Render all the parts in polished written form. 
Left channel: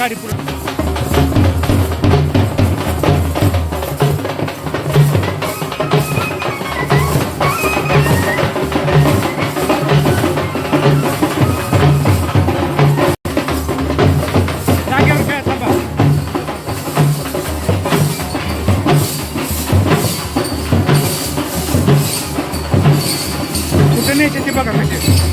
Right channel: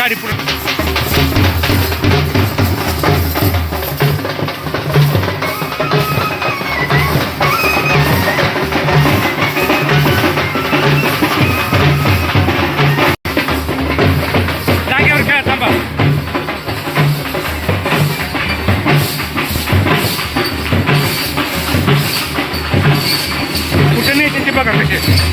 गाडी पुढे जागेवर खेळा थांबा कुठे नाही ते बघा कसे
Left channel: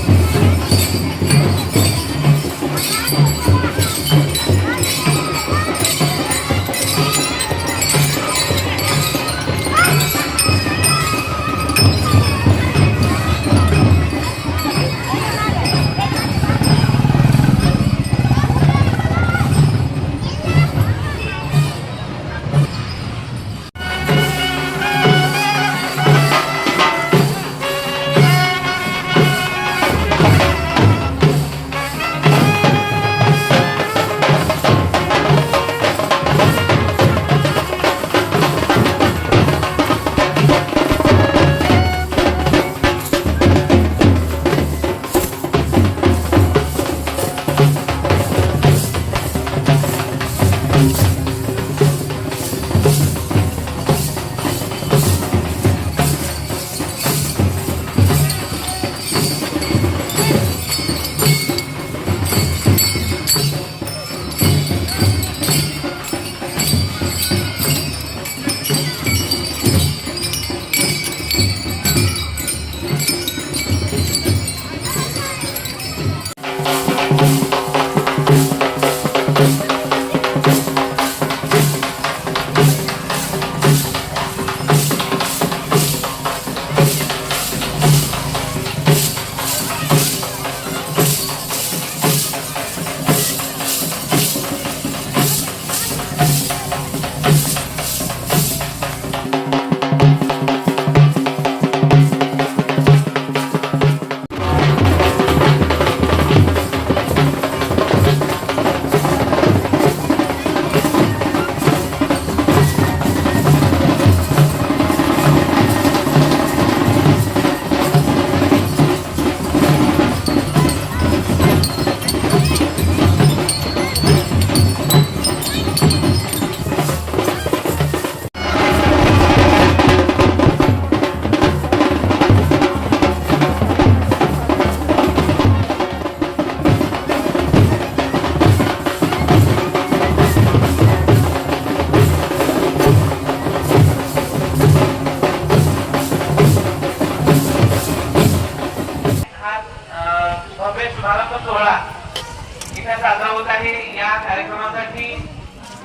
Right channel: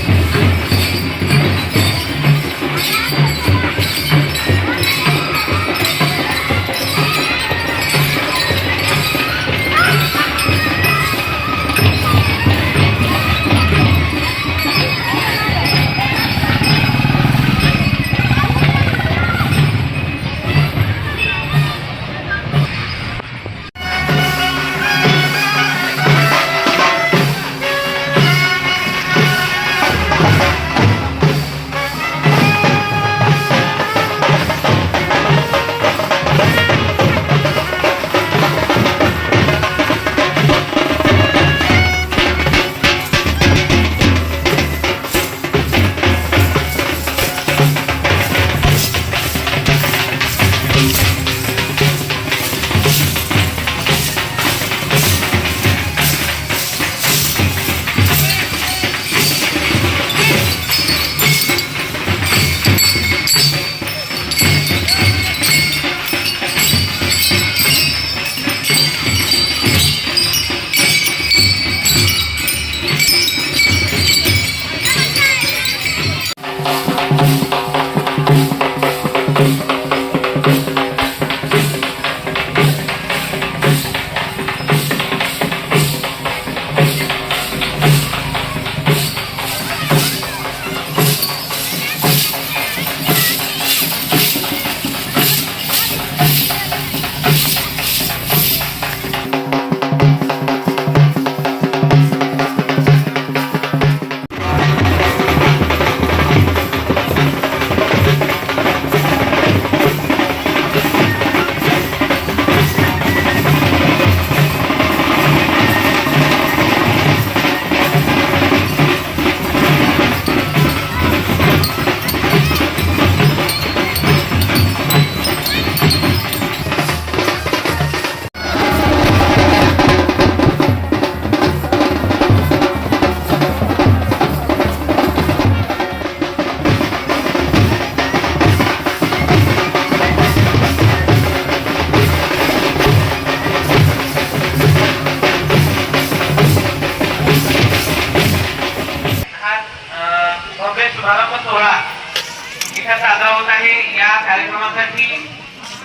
साजरा होत आहे। या कार्यक्रमासाठी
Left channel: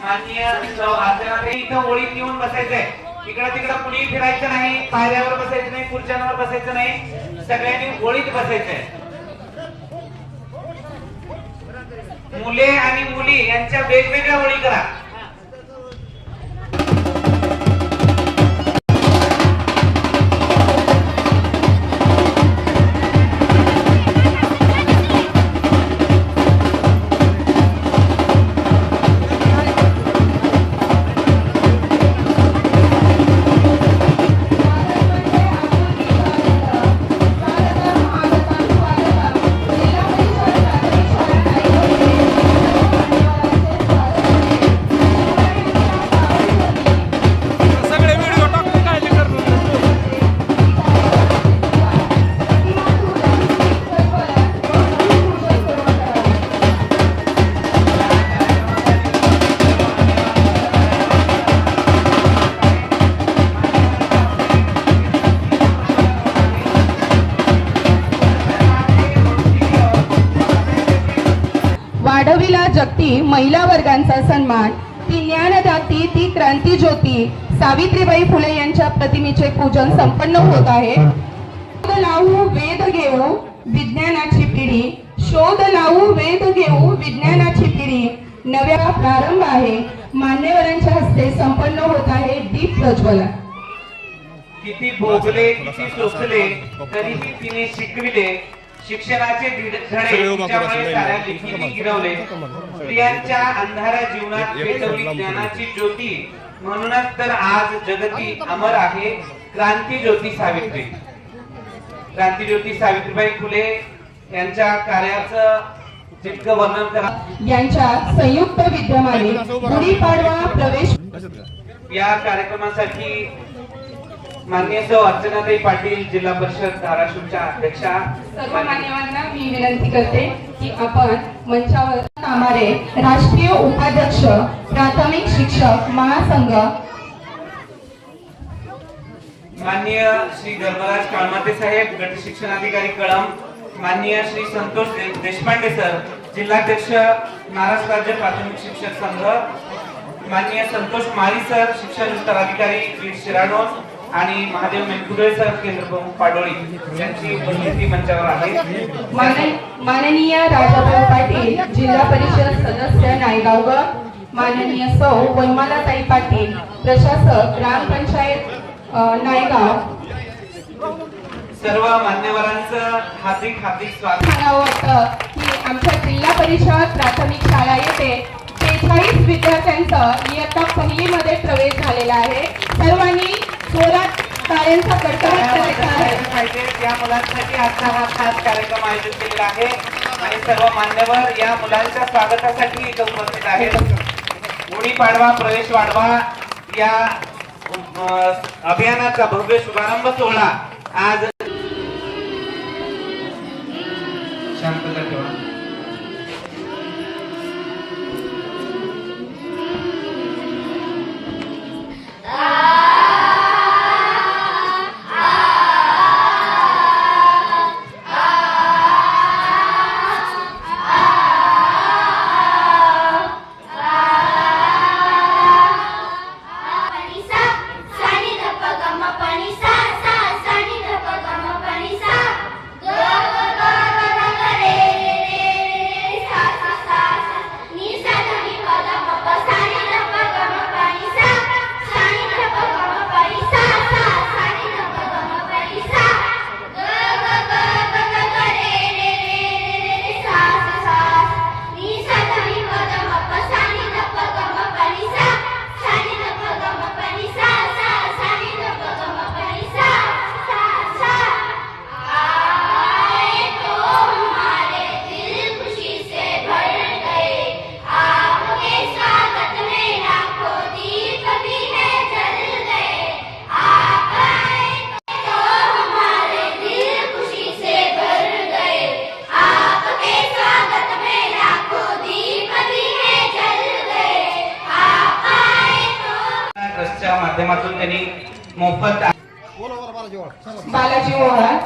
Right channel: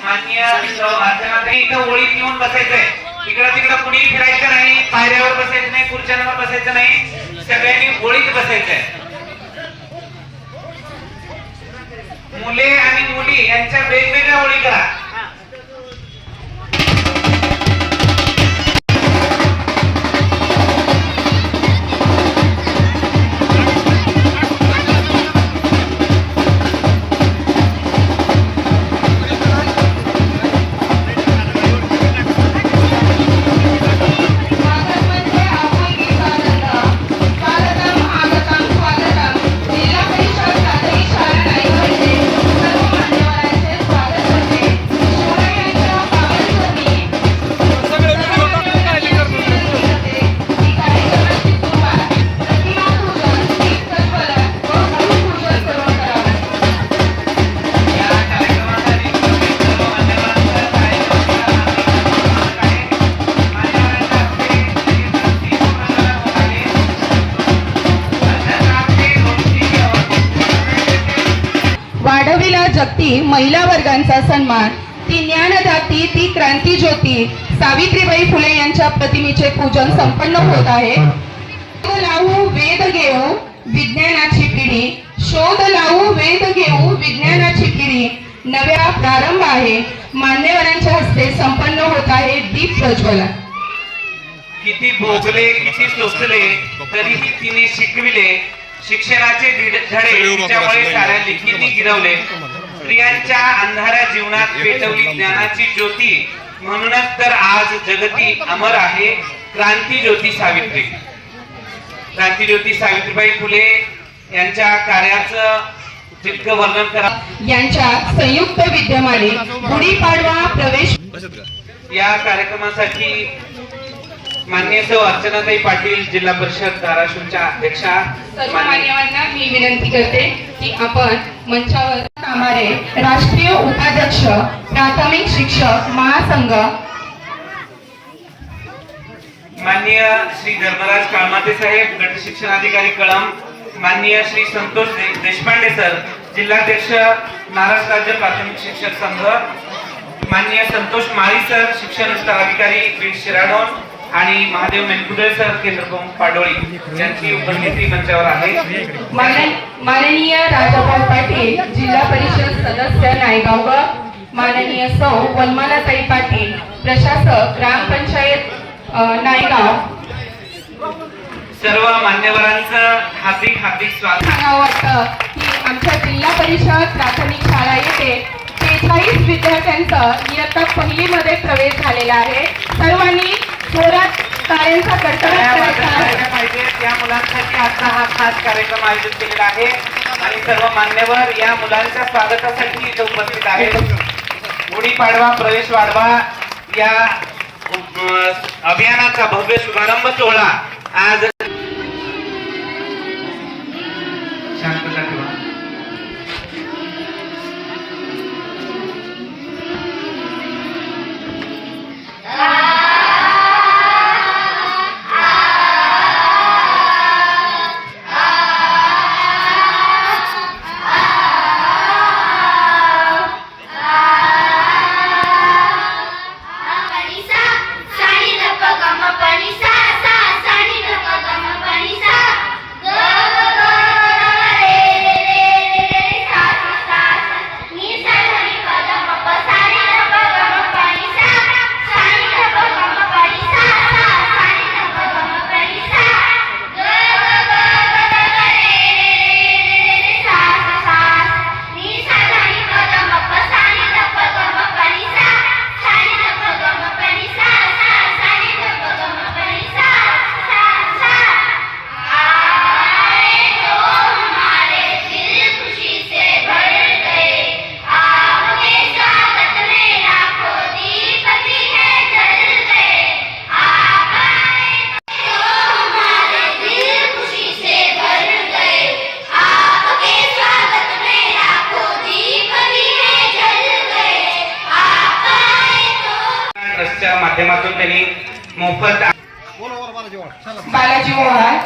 माननीय इथं ओळीत येऊन बसायचंय, इकडं तिकडं कुणी फिरायचं नाही, पायऱ्यावर बसायचं नाही, खुर्च्यांवर बसायचं नाही, सगळ्यांनी ओळीत बसायचंय। मुले आणि मुली यांच्या वेगवेगळ्या ओळी करा। महिला वर्गांचा सन्मान, ती ज्ञानदाती, ती क्रांती ज्योती सावित्रीबाई फुले यांच्या प्रतिमेचे पूजन संपन्न होत आहे। शोध लावू वेद घेऊ विज्ञानाची पिढी, शोध लावू वेद घेऊ विज्ञानाची पिढी, नव्या प्रारंभ आहे। मान्यवरांच्या हस्ते संपन्न होत आहे दीप प्रज्वलन। किती भोगले किती सोसले तरीही तिने शिकविले, शिक्षणाचे धडे तिच्यामुळे साऱ्या लेखींनी गिरवले। स्त्रियांच्या अंधाऱ्या जीवनात पेटवली ज्ञानाची ज्योती, म्हणूनच तर आज जगती अमर आहे क्रांती ज्योती सावित्री। क्रांती ज्योती सावित्रीबाई फुले यांच्या कार्याचं तितकं वर्णन करा. यांच्या संयुक्त विद्यमाने गुढीपाडवा प्रवेश या कार्यक्रमासाठी माननीय सौ अर्चनाताई पाटील जिल्हा परिषद धाराशिवच्या अध्यक्षा, सर्व मान्यवरांना मी विनंती करते की आपण मंचावर कामारे राष्ट्रीय उपाध्यक्ष प्राथमिक शिक्षक महासंघ माननीय श्री धर्मराज काळमाते साहेब, गट शिक्षणाधिकारी कळम, माननीय श्री संतोष देशपांडे सर, जिल्हाध्यक्ष महाराष्ट्र राज्य प्राथमिक शिक्षक संघ, माननीय संतोष माळी सर, शिक्षण विस्ताराधिकारी बीड शिराडोन, आणि महादेव मेनकुदळे सर, केंद्र प्रमुख पाडोळी यांची उपस्थिती मंचावर आहे. माननीय राजाभाऊ पाटील, जिल्हा परिषद सदस्य नायगावकर, माननीय सौ वनमालाताई पाटील, प्रशासक ग्रामपंचायत नायगाव. सर्व मान्यवरांचं हार्दिक स्वागत. सांगावं वाटतं की आमच्या जिल्हा परिषद प्राथमिक शाळा येथे 43 विद्यार्थ्यांचा इयत्ता पहिलीमध्ये प्रवेश झालेला आहे. सर्वांनी जोरात टाळ्यांचा कडकडाट करायचा आहे. पाहिजे या मुलांसाठी आजचा हा खास कार्यक्रम आयोजित केलेला आहे आणि सर्व मान्यवर या मुलांच्या स्वागतासाठी इथे उपस्थित आहेत. गुढीपाडवा प्रवेश वाढवा या अभियानाचा भव्य शुभारंभ सोहळा आज शांतता ठेवा. माध्यमातून त्यांनी मोफत बालाजी ओहाळ,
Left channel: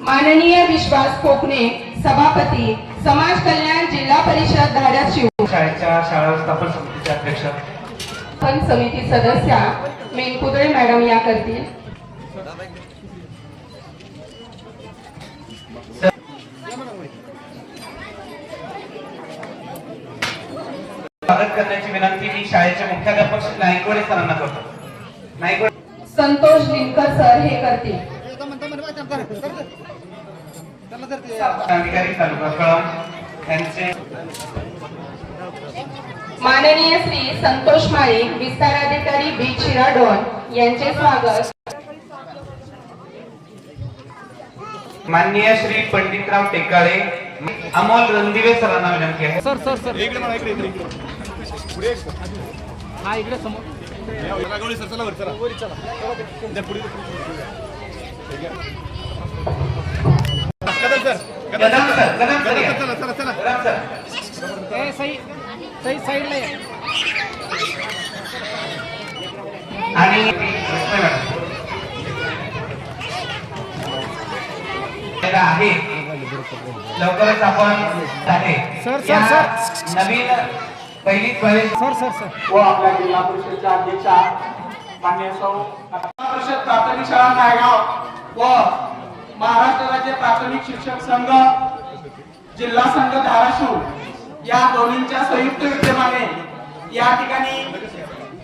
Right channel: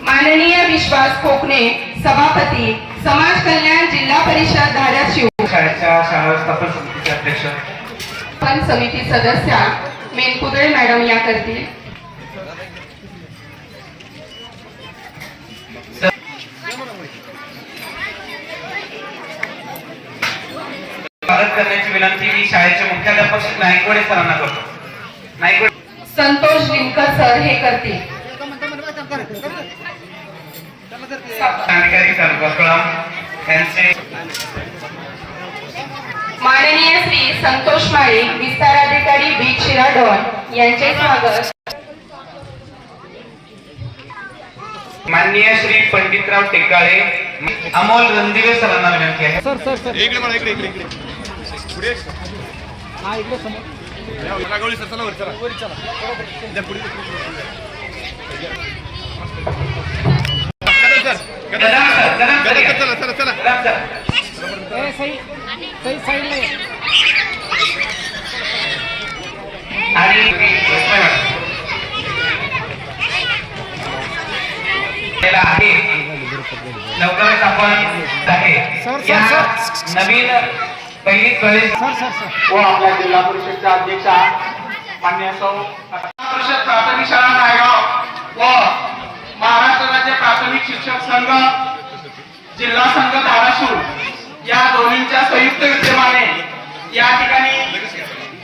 माननीय विश्वास कोकणे, सभापती समाज कल्याण जिल्हा परिषद धाराशिव, शाळेच्या शाळा व्यवस्थापन समितीचे अध्यक्ष, पण समिती सदस्या मेनकुदळे मॅडम या करतील. स्वागत करण्याची विनंती मी शाळेचे मुख्याध्यापक श्री नाईकवडे सरांना करतो. नाईकवडे संतोष लिमकर सर हे करतील. अधिकारी तालुका कळम यांचे माननीय श्री संतोष माळी, विस्ताराधिकारी बीड शिराडोन यांचे स्वागत. माननीय श्री पंडितराव टेकाळे, अमोल रणदिवे सरांना विनंती आहे. आणि आहे लवकरच आपण या नवीन पहिली प्रवेश व आपल्या जिल्हा परिषदच्या अध्यक्षा मान्य सौ परिषद प्राथमिक शाळा नायगाव व महाराष्ट्र राज्य प्राथमिक शिक्षक संघ जिल्हा संघ धाराशिव या दोन्हींच्या संयुक्त विद्यमाने या ठिकाणी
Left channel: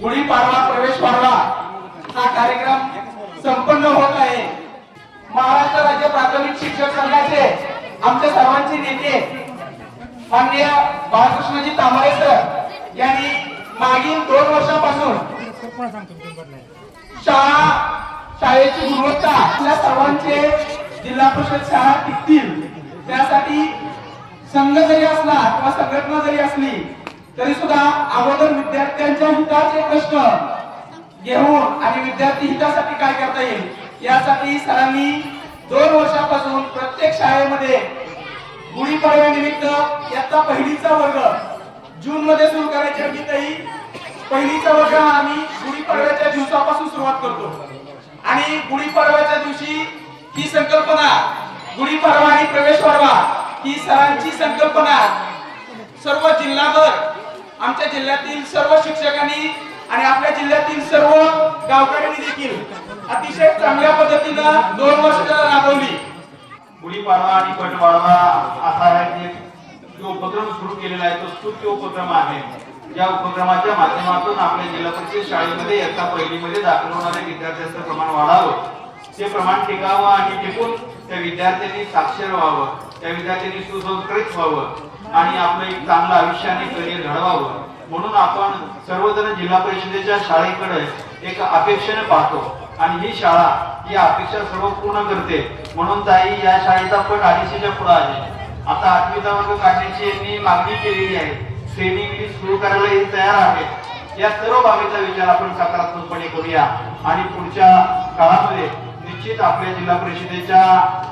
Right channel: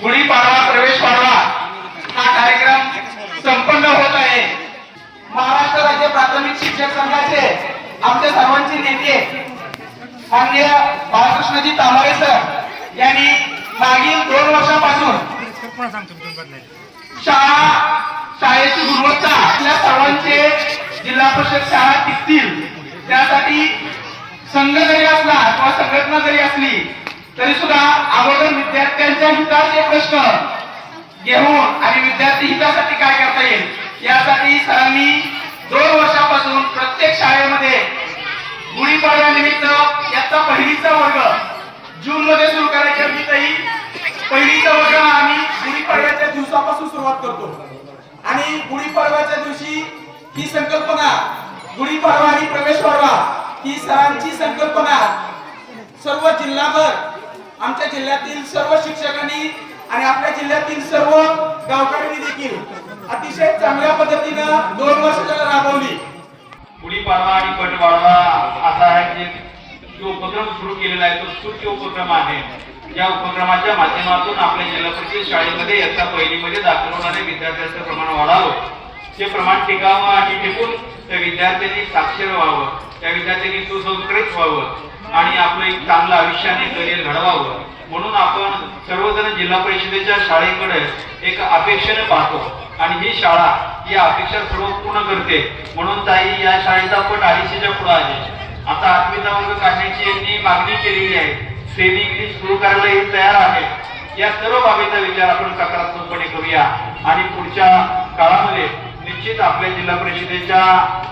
गुढीपाडवा प्रवेश पाडवा हा कार्यक्रम संपन्न होत आहे. महाराष्ट्र राज्य प्राथमिक शिक्षक संघाचे आमच्या सर्वांचे नेते माननीय बाळकृष्णजी तांबरे सर यांनी मागील 2 वर्षापासून शाळा शाळेची गुणवत्ता आपल्या सर्वांचे जिल्हा परिषद शाळा टिकतील त्यासाठी संघ जरी असला किंवा संघटना जरी असली तरी सुद्धा अगोदर विद्यार्थ्यांच्या हिताचे प्रश्न घेऊन आणि विद्यार्थी हितासाठी काय करता येईल यासाठी सरांनी 2 वर्षापासून प्रत्येक शाळेमध्ये गुढीपाडव्यानिमित्त याचा पहिलीचा वर्ग जून मध्ये सुरू करायची होती तरी पहिलीचा वर्ग आम्ही गुढीपाडव्याच्या दिवसापासून सुरुवात करतो आणि गुढीपाडव्याच्या दिवशी ही संकल्पना गुढीपाडवा आणि प्रवेश वाढवा ही सरांची संकल्पना सर्व जिल्हाभर आमच्या जिल्ह्यातील सर्व शिक्षकांनी आणि आपल्या जिल्ह्यातील सर्व गावकऱ्यांनी देखील अतिशय चांगल्या पद्धतीनं 2 वर्ष राबवली. गुढीपाडवा आणि पटवाडवा असा जो उपक्रम सुरू केलेला आहे तो स्तुत्य उपक्रम आहे. या उपक्रमाच्या माध्यमातून आपल्या जिल्हा परिषद शाळेमध्ये इयत्ता पहिलीमध्ये दाखल होणाऱ्या विद्यार्थ्यांचं प्रमाण वाढावं, ते प्रमाण टिकावं आणि टिकून त्या विद्यार्थ्यांनी साक्षर व्हावं, त्या विद्यार्थ्यांनी सुसंस्कृत व्हावं आणि आपलं एक चांगलं आयुष्याने करिअर घडवावं म्हणून आपण सर्वजण जिल्हा परिषदेच्या शाळेकडे एक अपेक्षेने पाहतो आणि ही शाळा ही अपेक्षा सर्व पूर्ण करते. म्हणून ताई या शाळेचा पट 250च्या पुढे आहे. आता 8वीचा वर्ग काढण्याची यांनी मागणी केलेली आहे. ट्रेनिंग सुरू करायला तयार आहे. या सर्व बाबीचा विचार आपण सकारात्मकपणे करूया आणि पुढच्या काळामध्ये निश्चित आपल्या जिल्हा परिषदेच्या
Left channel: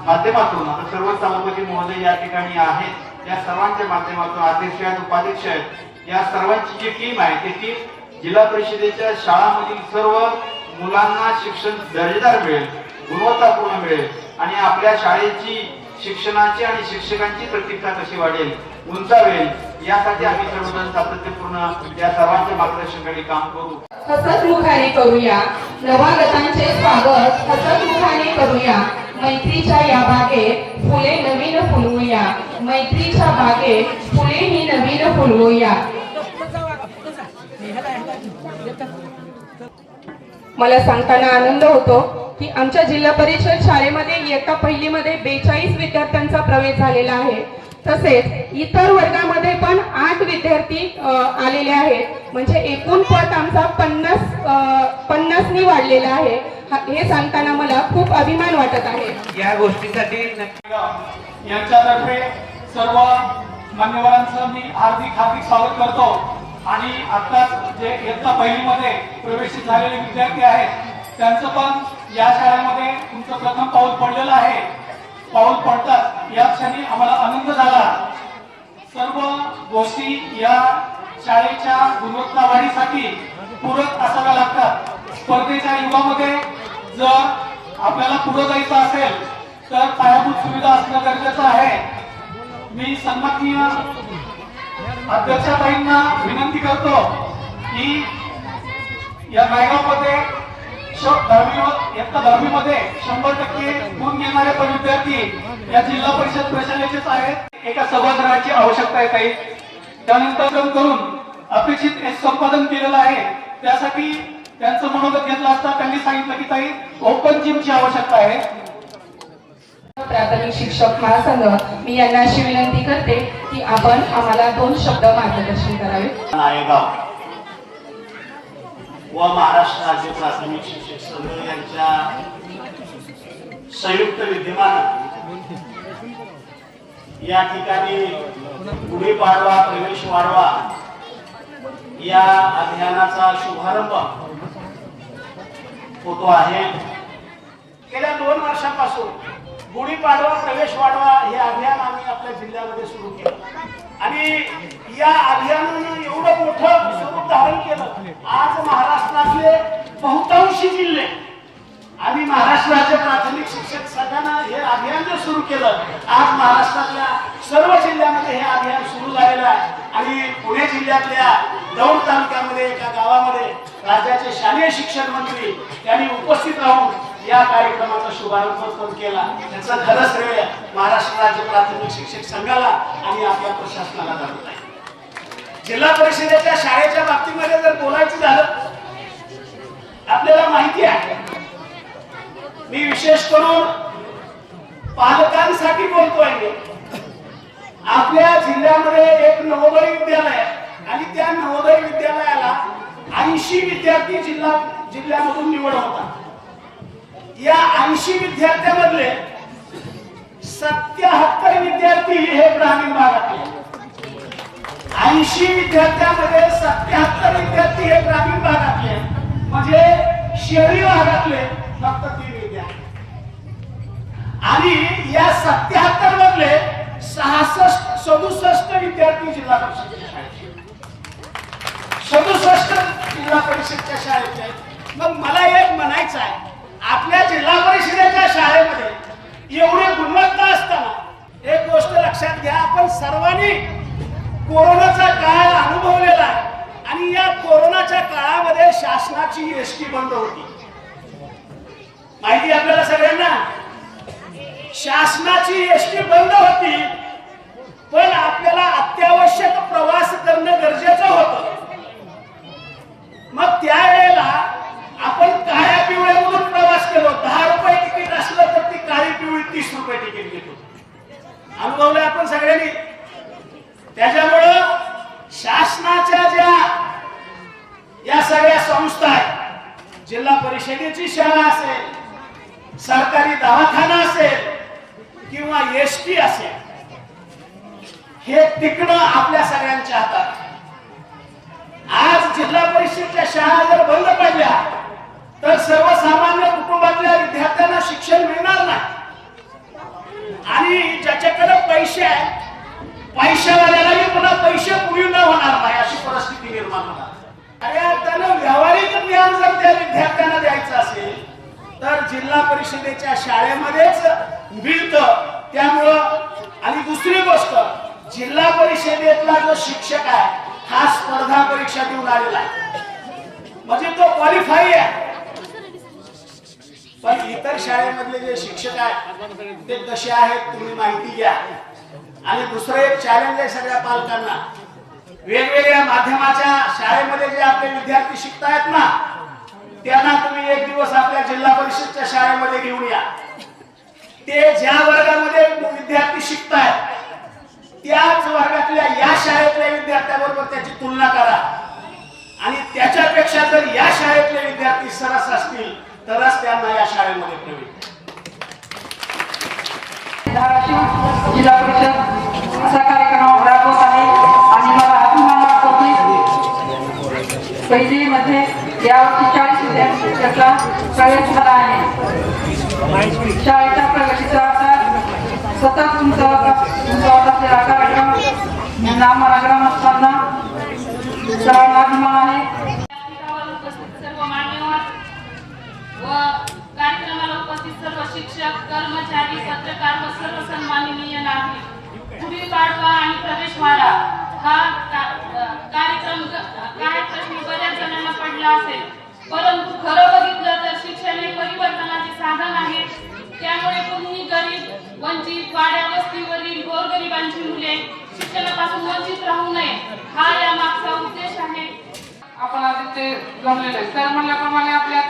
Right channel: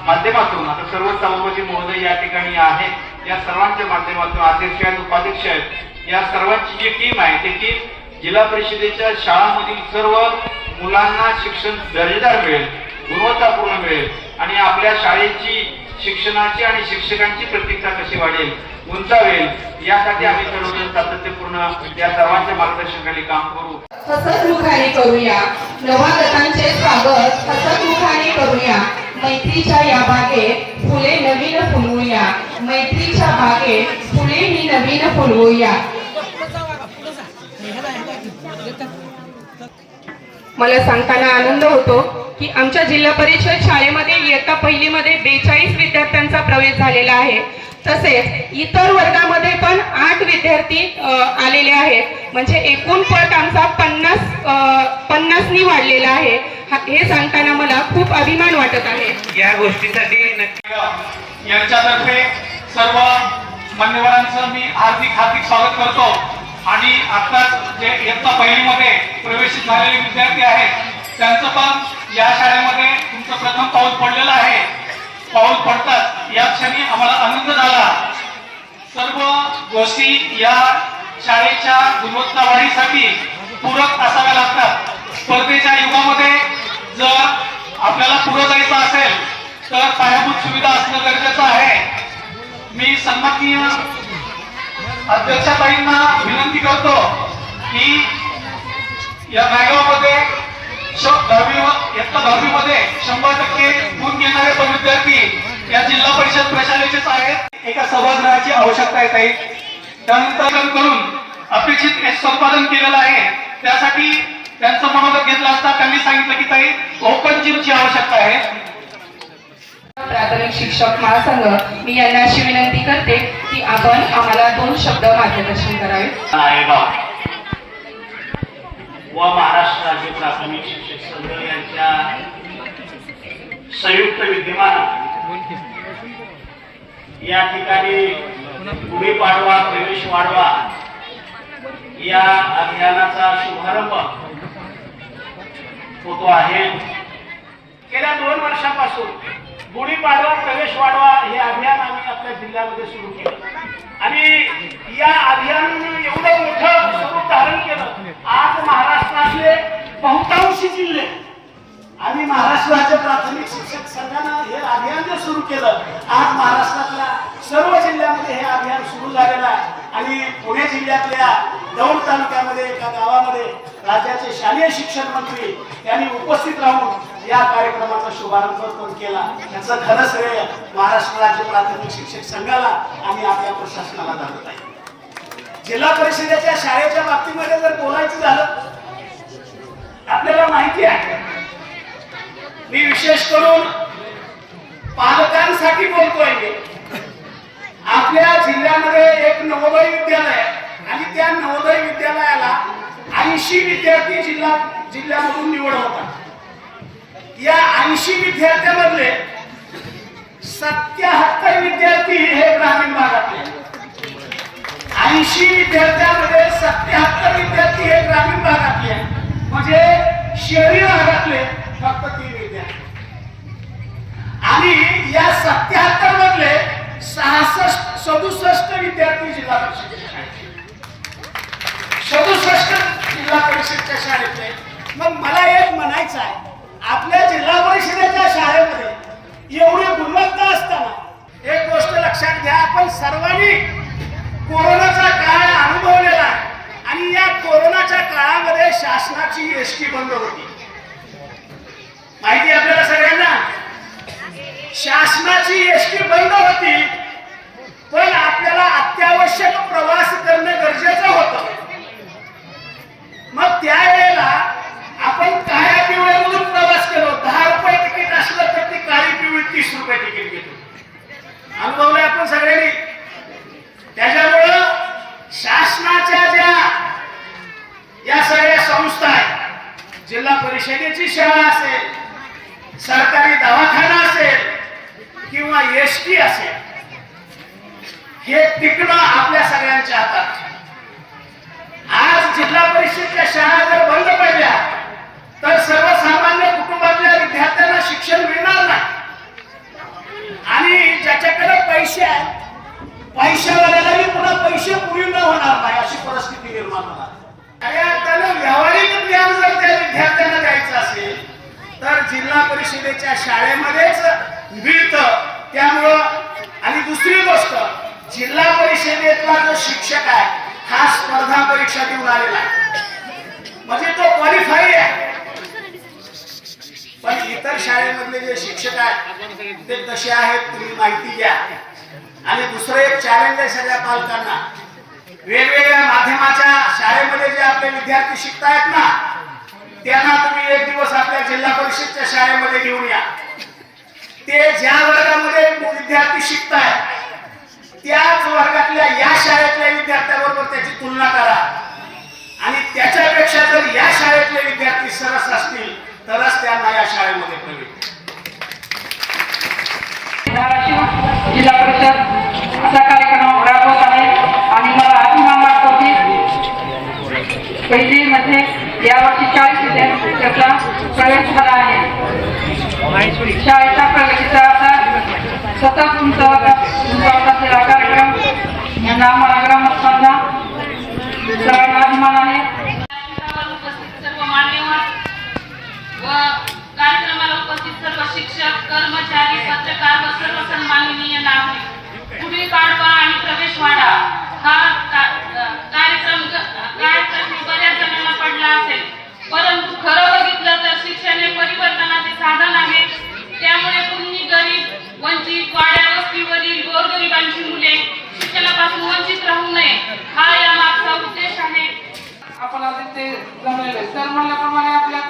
माध्यमातून आता सर्व सभापती महोदय या ठिकाणी आहेत. या सर्वांच्या माध्यमातून अध्यक्ष आहेत, उपाध्यक्ष आहेत, या सर्वांची जी टीम आहे ती टीम जिल्हा परिषदेच्या शाळांमधील सर्व मुलांना शिक्षण दर्जेदार मिळेल, गुणवत्तापूर्ण मिळेल आणि आपल्या शाळेची शिक्षणाची आणि शिक्षकांची प्रतिष्ठा कशी वाढेल, उंचावेल यासाठी आम्ही सर्वजण सातत्यपूर्ण या सर्वांच्या मार्गदर्शनाखाली काम करू. हसतमुखाने करूया नवागतांचे स्वागत, हसतमुखाने करूया मैत्रीच्या या बागेत फुले नवीन फुलवूया, मैत्रीच्या बागेत फुले ही नवीन फुलवूया. मला सांगताना आनंद होतो की आमच्या जिल्हा परिषद शाळेमध्ये इयत्ता पहिलीमध्ये 42 विद्यार्थ्यांचा प्रवेश झालेला आहे. तसेच इतर वर्गामध्ये पण 8 विद्यार्थी आलेले आहेत. म्हणजे एकूण पट आमचा 50नी वाढलेला आहे. हे सांगताना मला खूप अभिमान वाटत आहे. या गोष्टीसाठी नक्की यांच्यातर्फे सर्व मान्यवरांचं मी हार्दिक स्वागत करतो आणि आत्ताच जे इयत्ता पहिलीमध्ये प्रवेशित झालेले विद्यार्थी आहेत त्यांचं पण या शाळेमध्ये तुमचं प्रथम पाऊल पडलेलं आहे. पाऊल पडतात या क्षणी आम्हाला आनंद झाला. सर्व गोष्टी या शाळेच्या गुणवत्ता वाढीसाठी पूरक असाव्या लागतात. स्पर्धेच्या युगामध्ये जर आपल्याला पुढे जायचं असेल तर पायाभूत सुविधा असणं गरजेचं आहे. मी सन्माननीय अध्यक्षताईंना विनंती करतो की या नायगावमध्ये इयत्ता 10वी मध्ये 100% गुण घेणारे पण विद्यार्थी या जिल्हा परिषद प्रशालेचेच आहेत. एका सभागृहाची आवश्यकता आहे ताई. त्यानंतर करून अपेक्षित संपादन केलेलं आहे. त्यासाठी त्यांचं मनोगत घेतलं असता त्यांनी सांगितलं की ताई ओपन जिमची आवश्यकता आहे. प्राथमिक शिक्षक महासंघ मी यांना अशी विनंती करते की आपण आम्हाला 2 शब्द मार्गदर्शन करावे. नायगाव व महाराष्ट्र राज्य प्राथमिक शिक्षक संघ यांच्या संयुक्त विद्यमानं या ठिकाणी गुढीपाडवा प्रवेश वाढवा या अभियानाचा शुभारंभ होतो आहे. गेल्या 2 वर्षापासून गुढीपाडवा प्रवेश वाढवा हे अभियान आम्ही आपल्या जिल्ह्यामध्ये सुरू केलं आणि या अभियानाने एवढं मोठं स्वरूप धारण केलं. आज महाराष्ट्रातले बहुतांशी जिल्हे आणि महाराष्ट्र राज्य प्राथमिक शिक्षक संघानं हे अभियान जे सुरू केलं आज महाराष्ट्रातल्या सर्व जिल्ह्यामध्ये हे अभियान सुरू झालेलं आहे आणि पुणे जिल्ह्यातल्या दौंड तालुक्यामध्ये एका गावामध्ये राज्याचे शालेय शिक्षण मंत्री यांनी उपस्थित राहून या कार्यक्रमाचा शुभारंभ पण केला. त्याचं खरं श्रेय महाराष्ट्र राज्य प्राथमिक शिक्षक संघाला आणि आपल्या प्रशासनाला जात आहे. जिल्हा परिषदेच्या शाळेच्या बाबतीमध्ये जर बोलायचं झालं आपल्याला माहिती आहे मी विशेष करून पालकांसाठी बोलतोय. आपल्या जिल्ह्यामध्ये एक नवोदय विद्यालय आणि त्या नवोदय विद्यालयाला 80 विद्यार्थी जिल्ह्यामधून निवड होतात. या 80 विद्यार्थ्यांमधले 77 विद्यार्थी हे ग्रामीण भागातले. 80 विद्यार्थ्यांमध्ये 77 विद्यार्थी हे ग्रामीण भागातले, म्हणजे शहरी भागातले फक्त 3 विद्यार्थी. आणि या 77 मधले 67 विद्यार्थी जिल्हा परिषदेच्या शाळेत, 67 जिल्हा परिषदच्या शाळेतले. मग मला एक म्हणायचं आहे, आपल्या जिल्हा परिषदेच्या शाळेमध्ये एवढी गुणवत्ता असताना एक गोष्ट लक्षात घ्या, आपण सर्वांनी कोरोनाचा काळ अनुभवलेला आहे. आणि या कोरोनाच्या काळामध्ये शासनाची एसटी बंद होती, माहिती आपल्याला सगळ्यांना. शासनाची एसटी बंद होती, पण आपल्याला अत्यावश्यक प्रवास करणं गरजेचं होतं. मग त्यावेळेला आपण काळ्या पिवळ्यामधून प्रवास केलो. 10 रुपये तिकीट असलं तर ती काळी पिवळी 30 रुपये तिकीट घेतो. अनुभवलंय आपण सगळ्यांनी. त्याच्यामुळं शासनाच्या ज्या या सगळ्या संस्था आहेत, जिल्हा परिषदेची शाळा असेल, सरकारी दवाखाना असेल किंवा एसटी असेल, हे टिकणं आपल्या सगळ्यांच्या हातात. आज जिल्हा परिषदेच्या शाळा जर बंद पडल्या तर सर्वसामान्य कुटुंबातल्या विद्यार्थ्यांना शिक्षण मिळणार नाही. आणि ज्याच्याकडे पैसे आहेत, पैशावाल्याला पुन्हा पैसे पुरी न होणार नाही, अशी परिस्थिती निर्माण होणार. आणि त्यानं व्यावहारिक ज्ञान जर त्या विद्यार्थ्यांना द्यायचं असेल तर जिल्हा परिषदेच्या शाळेमध्येच मिळतं. त्यामुळं आणि दुसरी गोष्ट, जिल्हा परिषदेतला जो शिक्षक आहे हा स्पर्धा परीक्षा देऊन आलेला आहे, म्हणजे तो क्वालिफाय आहे. पण इतर शाळेमधले जे शिक्षक आहेत ते कसे आहेत तुम्ही माहिती घ्या. आणि दुसरं एक चॅलेंज आहे सगळ्या पालकांना, वेगवेगळ्या माध्यमाच्या शाळेमध्ये जे आपले विद्यार्थी शिकतायत ना, त्यांना तुम्ही एक दिवस आपल्या जिल्हा परिषदच्या शाळेमध्ये घेऊन या. ते ज्या वर्गामध्ये विद्यार्थी शिकतायत त्याच वर्गातल्या या शाळेतल्या विद्यार्थ्याबरोबर त्याची तुलना करा. आणि त्याच्यापेक्षा जर या शाळेतले विद्यार्थी सरस असतील तरच त्यांना या शाळेमध्ये प्रवेश. धाराशिव जिल्हा परिषद असा कार्यक्रम राबवत आहे आणि मला अभिमान वाटतो की पहिली मध्ये यावर्षी 40 विद्यार्थ्यांचा प्रवेश झाला आहे. शाळेच्या प्रगतीचा आता सतत उंचावत असलेला कार्यक्रम यांना आम्हाला ग्रामस्थांना सर्वांना अभिमान आहे. सर्व मान्यवर व कार्यक्रमाला उपस्थित सर्व शिक्षक, कर्मचारी, पत्रकार व सर्व सन्माननीय नागरिक, गुढी पाडवा आणि प्रवेशवाडा हा कार्यक्रम बऱ्याच जणांना पडला असेल, परंतु खरं बघितलं तर शिक्षण हे परिवर्तनाचे साधन आहे. त्यामुळे कुणी गरीब, वंचित, वाड्या वस्तीवरील गोरगरिबांची मुले शिक्षणापासून वंचित राहू नये हा या मागचा उद्देश आहे. आपण आता ते जमलेलं आहे. तर म्हणल्याप्रमाणे आपल्या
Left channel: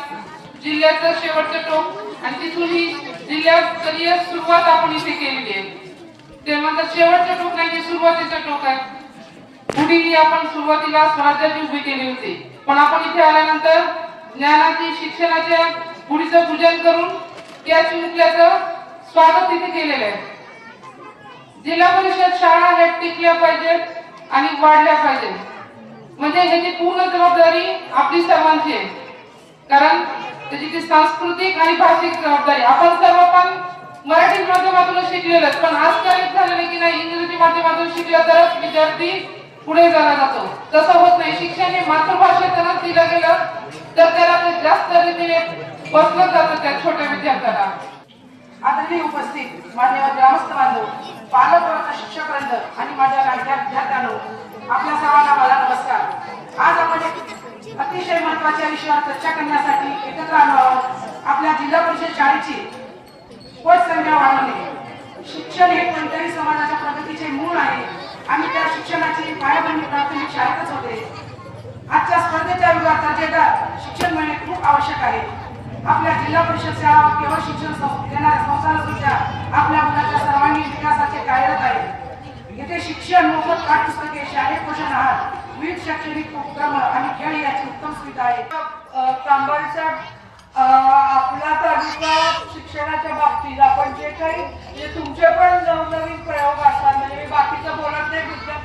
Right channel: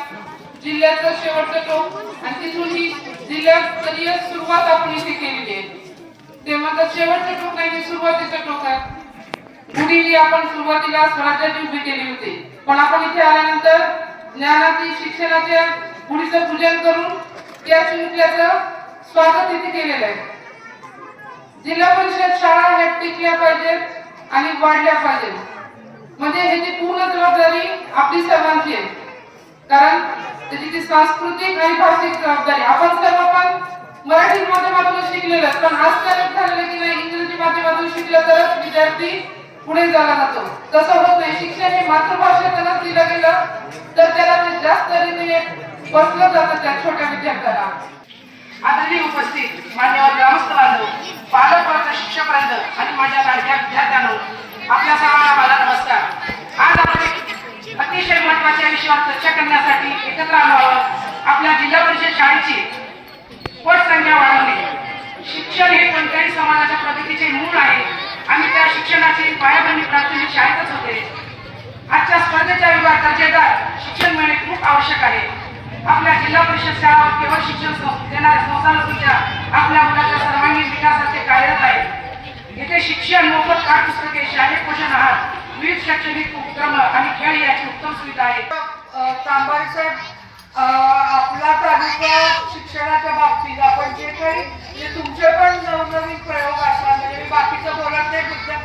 जिल्ह्याचं शेवटचं टोक आणि तिथून ही जिल्ह्यास्तरीय सुरुवात आपण इथे केलेली आहे. ते म्हणतात शेवटचं टोक नाही, हे सुरुवातीचं टोक आहे. पुढे आपण सुरुवातीला स्वराज्याची उभी केली होती, पण आपण इथे आल्यानंतर ज्ञानाची शिक्षणाच्या गुढीचं पूजन करून त्या चिमुकल्याचं स्वागत इथे केलेलं आहे. जिल्हा परिषद शाळा ह्या टिकल्या पाहिजेत आणि वाढल्या पाहिजेत, म्हणजे ह्याची पूर्ण जबाबदारी आपली सर्वांची आहे. कारण त्याची ती सांस्कृतिक आणि भाषिक जबाबदारी. आपण सर्व पण मराठी माध्यमातून शिकलेलं, पण आजकाल झालेलं की नाही इंग्रजी माध्यमातून शिकलं तरच विद्यार्थी पुढे झाला जातो. तसं होत नाही. शिक्षण हे मातृभाषेतूनच दिलं गेलं तर त्याला ते जास्त रीतीने बसलं जातं त्या छोट्या विद्यार्थ्याला. आदरणीय उपस्थित मान्यवर ग्रामस्थ बांधव, पालक वर्ग, शिक्षक वृंद आणि माझ्या लाडक्या विद्यार्थ्यांनो, आपल्या सर्वांना माझा नमस्कार. आज आपण अतिशय महत्त्वाच्या विषयावर चर्चा करण्यासाठी एकत्र आलो आहोत. आपल्या जिल्हा परिषद शाळेची पटसंख्या वाढवणे. शिक्षण हे कोणत्याही समाजाच्या प्रगतीचे मूळ आहे आणि त्या शिक्षणाची पायाभरणी प्राथमिक शाळेतच होते. आजच्या स्पर्धेच्या युगात दर्जेदार शिक्षण मिळणे खूप आवश्यक आहे. आपल्या जिल्हा परिषद शाळा केवळ शिक्षण देणाऱ्या संस्थांसुद्धा आपल्या मुलाच्या सर्वांगीण विकासाचे कार्यरत आहे. येथे शिक्षण, मोफत पाठ्यपुस्तके, शालेय पोषण आहार, विविध शैक्षणिक उपक्रम आणि खेळ याची उत्तम सुविधा आहे. तांबरीचा आपला तालुका शिक्षणाच्या बाबतीत आपण जे काही म्हणजे तुमचे पण नवनवीन प्रयोग असतात, म्हणजे मी बाकीचं बोलत नाही तुमच्या,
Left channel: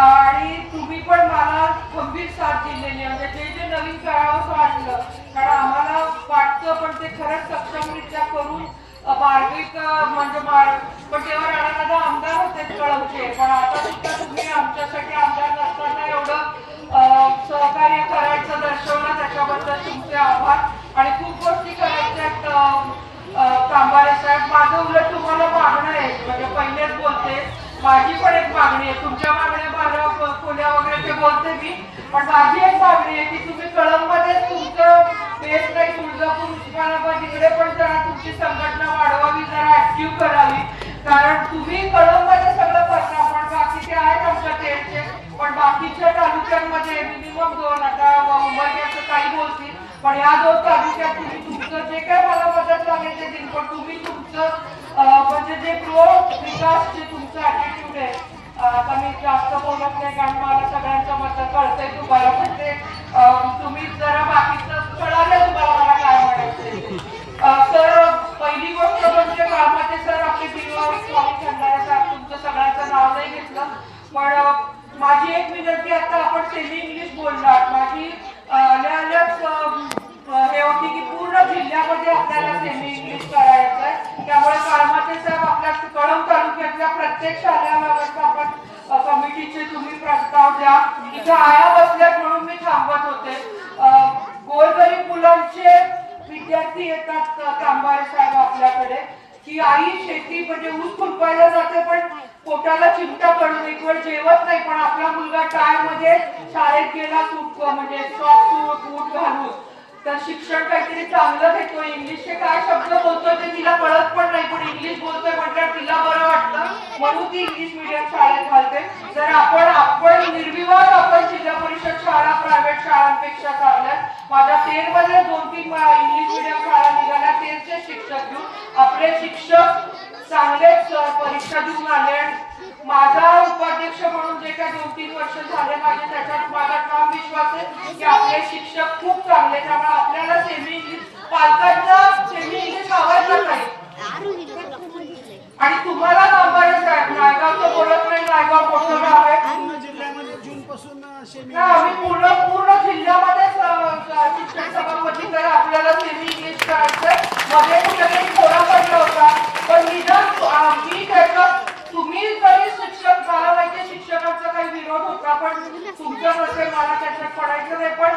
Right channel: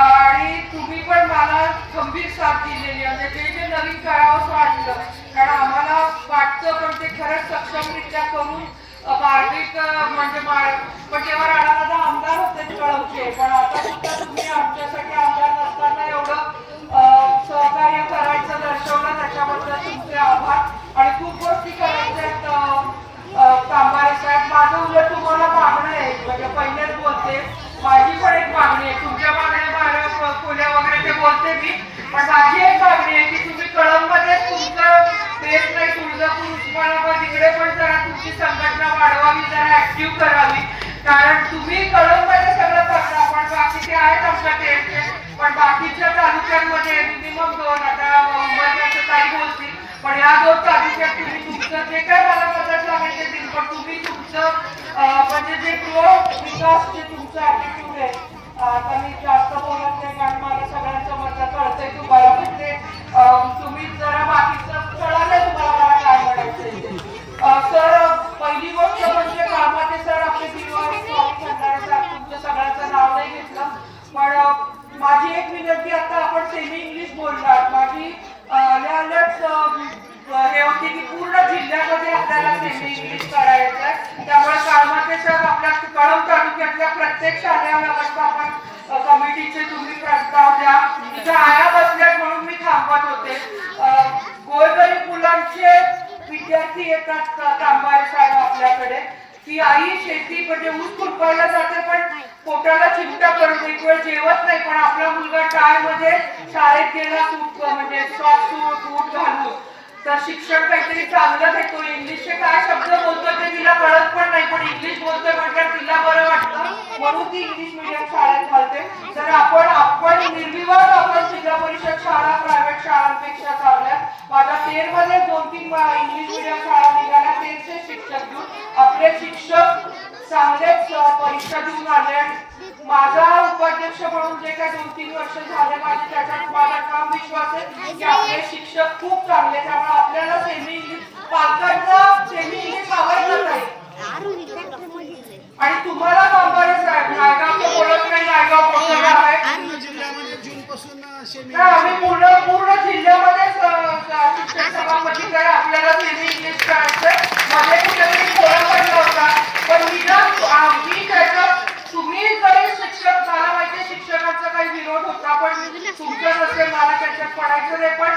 आणि तुम्ही पण मला खंबीर साथ दिलेली, म्हणजे जे नवीन करावंसं वाटलं, कारण आम्हाला वाटतं पण ते खरंच सक्षमरित्या करून मार्मिक म्हणजे पण तेव्हा राणादादा आमदार होते कळमचे, पण आता सुद्धा तुम्ही आमच्यासाठी आमदार नसताना एवढं सहकार्य करायचं दर्शवलं, त्याच्याबद्दल तुमचे आभार. आणि खूप गोष्टी करायच्या कांबारे साहेब. माझं उलट तुम्हाला मागणं आहे, म्हणजे पहिलेच बोलते, माझी पण एक मागणी आहे. तुमच्या मागण्या 12 खोल्या वगैरे ते बोलते मी, पण माझी एक मागणी आहे की तुम्ही कळममध्ये तुमचं बेस नाही, तुळजापूर उस्मानाबाद इकडे पण जरा तुमची संघटना वाढवावी, जरा ऍक्टिव्ह करावी, कारण तुम्ही कळममध्ये सगळं करता, पण बाकीचे आहेत आमच्या टेटचे, पण बाकीच्या तालुक्यांमध्ये मिनिमम 2, आता मुंबईचं काही बोलतील, पण या 2 तालुक्यात तुम्ही तुमचं जे काय मला मदत लागेल ते देईल, पण तुम्ही तुमचं म्हणजे जे विकास जे तुमचं ऍटिट्यूड आहे, आता मी जास्त बोलत नाही कारण मला सगळ्यांचं मत कळतंय तुम्हाला, पण ते तुम्ही जरा बाकीचं कळालं तुम्हाला मला काय म्हणायचं. सर, पहिली गोष्ट म्हणजे कामाचे सर आपले स्वामी खंडारे साहेब, तुमचं सगळ्यांचं नाव नाही घेतलं, पण माझी एक विनंती, आता आपण सेमी इंग्लिश बोलणार, माझी हे होती की पूर्ण जिल्ह्यामध्ये आपल्याला सेमी इंग्लिश करायचं आहे, त्यामुळे काळमाते सर आपल्या कळंब तालुक्यातल्या प्रत्येक शालेय व्यवस्थापन कमिटीचे तुम्ही प्रस्ताव द्या. इथं आया बसल्यात म्हणून मी थांबत होते. गोरगरीब मुलांचे विद्यार्थी येतात कांबारे साहेब आपल्याकडे की आई शेती म्हणजे ऊस खुरपायला जाते, पण पोटाला चिमटा करून एक वेळ जेवत नाही, पण आपला मुलगा टाळमध्ये शाळेत गेला सूट म्हणजे सॉक्स बूट घालून, तर शिक्षण काहीतरी चांगलं घेतो. इंग्लिशचे काय शब्द बोलतोय ते तिला कळत पण नाही, पण इंग्लिश बोलतोय म्हटल्यावर तिला बरं वाटतं, म्हणून ती इंग्लिश मीडियम शाळेत घालते. तर आपण निर्विवाद आपण जिल्हा परिषद शाळा प्रायव्हेट शाळांपेक्षा चांगल्या, माझ्या 13 मध्ये 2-3 इंग्लिश मीडियम शाळा निघाल्या, 13चे शिक्षक घेऊन आपले शिक्षक चांगलेच परीक्षा देऊन आले. माझा उपाध्यक्ष म्हणून जे काही 2-3 वर्ष झाले माझे, त्याच्यात माझा ठाम विश्वास आहे की आपले शिक्षक खूप चांगले, त्यामुळे आपल्याला सेमी इंग्लिश पालकांना सेमी इंग्लिश आवडलं नाही. आणि तुम्हाला कांबारे साहेब, नायगावचं बोलत नाही, नायगाव मोठं आहे, आम्ही पूर्ण जिल्ह्यामध्ये शिक्षक सभापती काय आपल्याला सेमी इंग्लिश करायचंय. मध्ये कुठेतरी कोणा पडला होता, पण मी त्याच्यात तुम्ही जरी शिक्षक, मला माहिती शिक्षकांचा काही विरोध होता, पण तुमचं नसेल, मला त्याच्यात पडायचं नाही, पण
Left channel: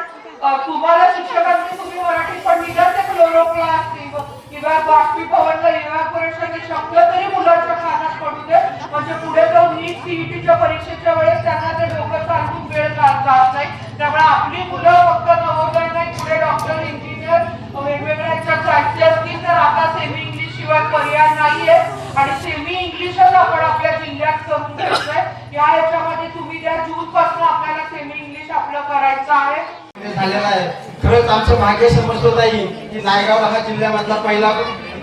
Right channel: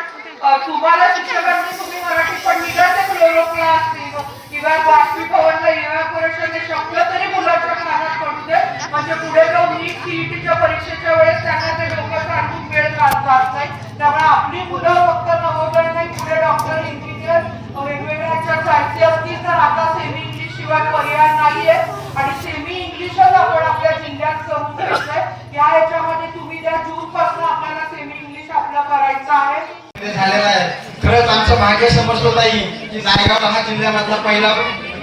तुम्हाला शिक्षकांनी तुम्ही मराठी पण निघाल ते क्लोरोप्ला असतील किंवा बाष्पीभवनला इव्हॅपोरेशन हे शब्द तरी मुलांच्या कानात पडू दे, म्हणजे पुढे जाऊन नीट सीईटीच्या परीक्षेच्या वेळेस त्यांना ते डोकं सांगून वेळ जात नाही. त्यामुळे आपली मुलं फक्त नवोदय नाही, पुढे डॉक्टर, इंजिनियर वेगवेगळ्या याच्यात जायचे असतील तर आता सेमी इंग्लिश शिवाय पर्याय नाहीये, आणि सेमी इंग्लिशच आपण आपल्या जिल्ह्यात करून घ्यायचंय. या याच्यामध्ये तुम्ही त्या जून पासून आपल्याला सेमी इंग्लिश आपलं करायचं आहे. झालेला आहे. खरंच आमचं भाग्य समजत नाही की नायगाव हा जिल्ह्यामधला पहिला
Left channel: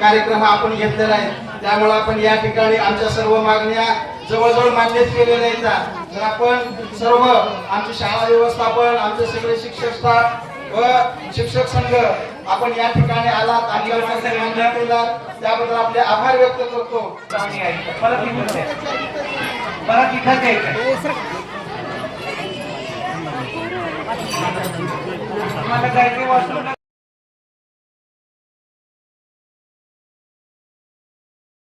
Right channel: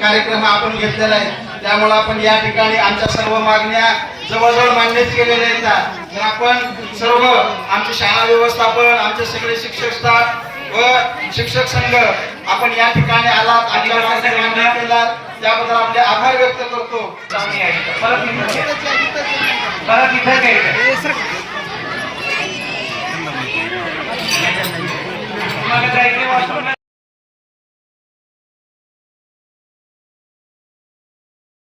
कार्यक्रम आपण घेतलेला आहे, त्यामुळे आपण या ठिकाणी आमच्या सर्व मागण्या जवळजवळ मान्यच केलेल्या आहेत. तर आपण सर्व आमचे शाळा व्यवस्थापन, आमचे सगळे शिक्षक स्टाफ व शिक्षक संघ आपण या ठिकाणी आलात, आमच्या मागण्या मान्य केलात, त्याबद्दल आपले आभार व्यक्त करतो. परत इथं तुम्हाला जायचे वाचून